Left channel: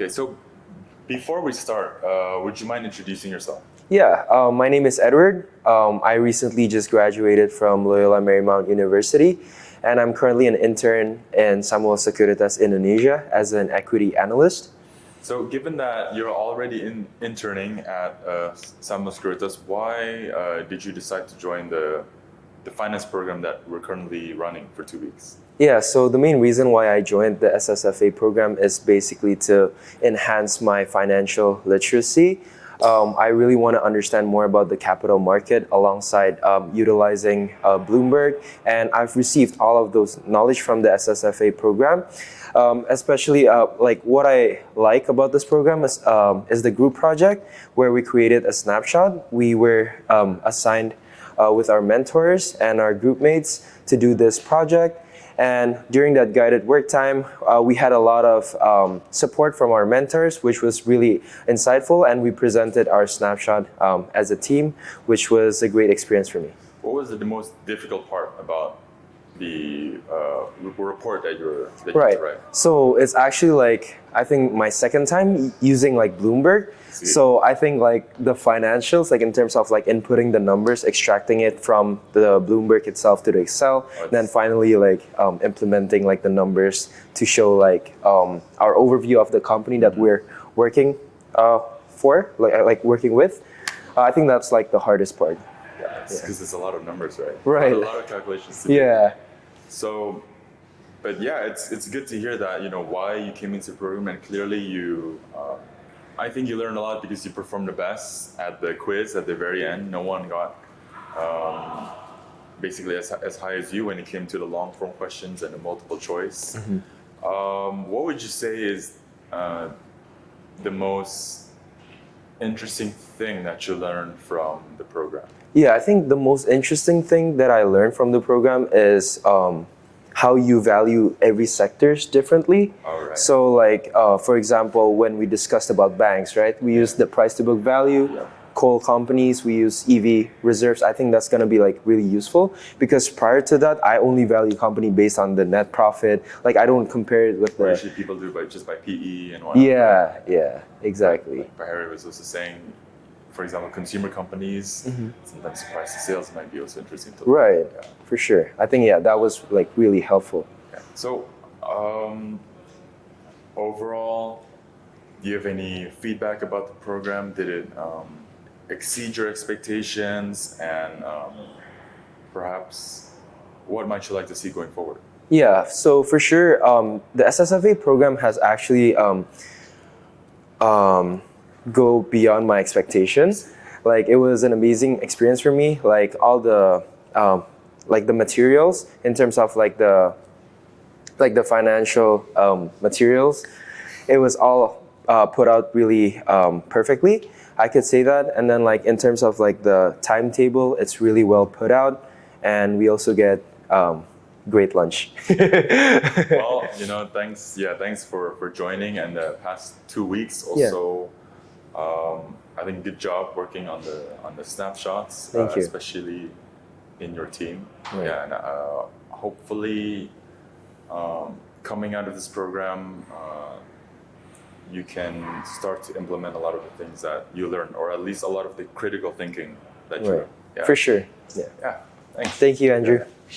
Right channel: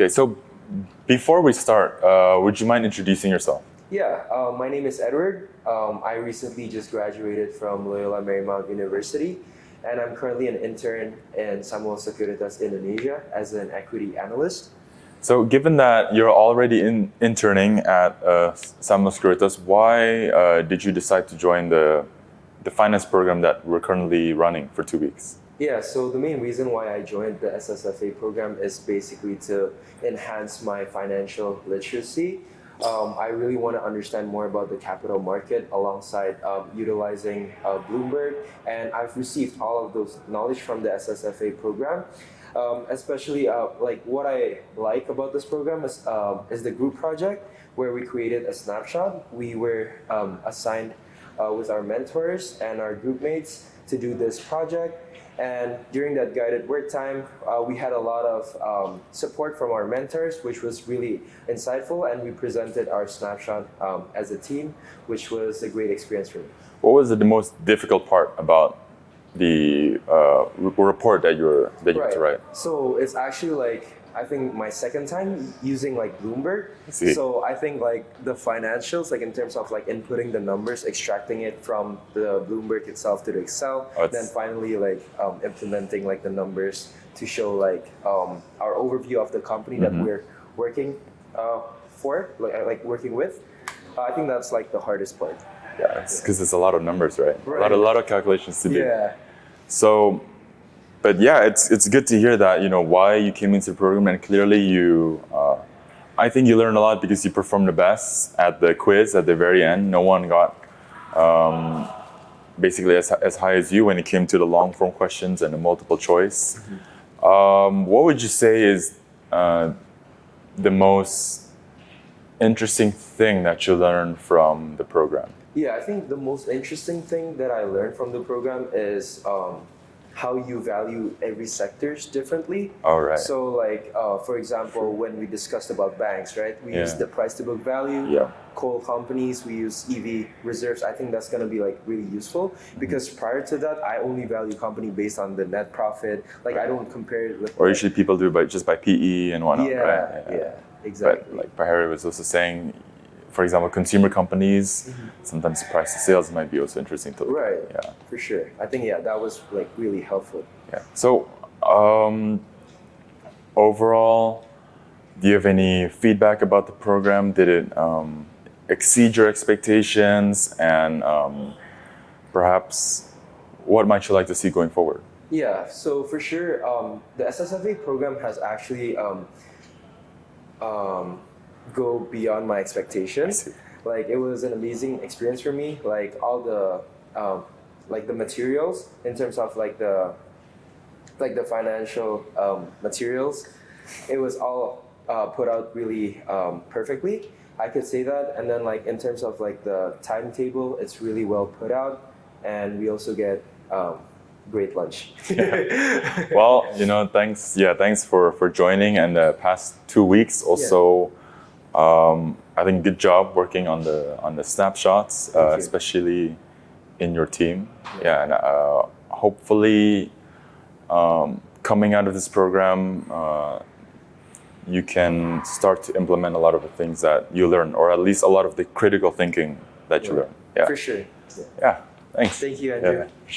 Okay, so before we start, would you mind introducing yourself? Yeah, my name is Edward. I recently just graduated from Loyola Marymount University, and I'm currently an intern in Sekuritas Indonesia as an equity analyst. So given that you're already interning at Sekuritas, why did you decide to join the finance program that we're currently running for 2 weeks? Yeah, so the main reason why I joined the SSFA program is basically to enhance my financial literacy. I really want to understand more about the capital market alongside utilizing Bloomberg, and I've received all of those knowledge from the SSFA program. Especially like what I like about this program is the group project where we created a snapshot. We were assigned with our mentors and our group mates to do this project. And during that guided work time, we had a lot of support from our mentors, which was really insightful. And we presented our snapshot as a team, which was a great experience for me. What was the most difficult part about the report that you had to write? So it's actually like, I think my second time using like Bloomberg. So I think like the financials, like in terms of like inputting the numbers, extracting it from the Bloomberg itself to the Excel, then finally like implementing like the numbers to show like our overview of the company that we're working for, like working with. I think that's like the hardest part. Yeah, it's because it's a lot of numbers, right? Right. A lot of calculations to do. Yeah. So, but yeah, it's good to hear that, you know, why you came into the program, and clearly you, I think you learned a lot because you performed the best at the quiz at the very end. No one got basically as high as you when it came to the long form questions and the multiple choice. What would you say is the most interesting thing that you learned from the program? Yeah, I think the most interesting thing that I learned from the program is how you value every sectors differently. All right. So like, for example, when we discussed about banks, right? We use the price to book value. Yeah. Coal companies, we use EV reserves. I think that's going to be like really useful because prior to that, I only value company based on the net profit. Like I don't compare it with. Or usually people do just by PE and whatnot. Yeah, right? yeah, exactly. Like Harry was also saying, for example, consumer companies, sometimes price to sales might be also interesting to look at. Right, Yeah. for sure. I think, that was like really helpful. Yeah. So, overall, do you have any feedback about the program? Did it exceed your expectations? And perhaps, what might you like to see going forward? Yeah, so for sure, the SSFA program has actually go beyond my expectations. Like it was an amazing experience for me. Like all the like the materials in terms of like the financial materials, it was all put out really perfectly. I could say that. And then like in terms of like the timetable, it's really well put out, and we also get great lunch. Well, you know, thanks. Yeah, thanks for joining. And the past 2 weeks also. I think good job working on the snapshots, especially in your team. Yeah, and hopefully, coming out of this program, you can start to implement a lot of the things that you learn, or at least a lot of the critical thinking that you learn. Yeah. For sure. Yeah. Thanks. Thank you, Andrew. Yeah.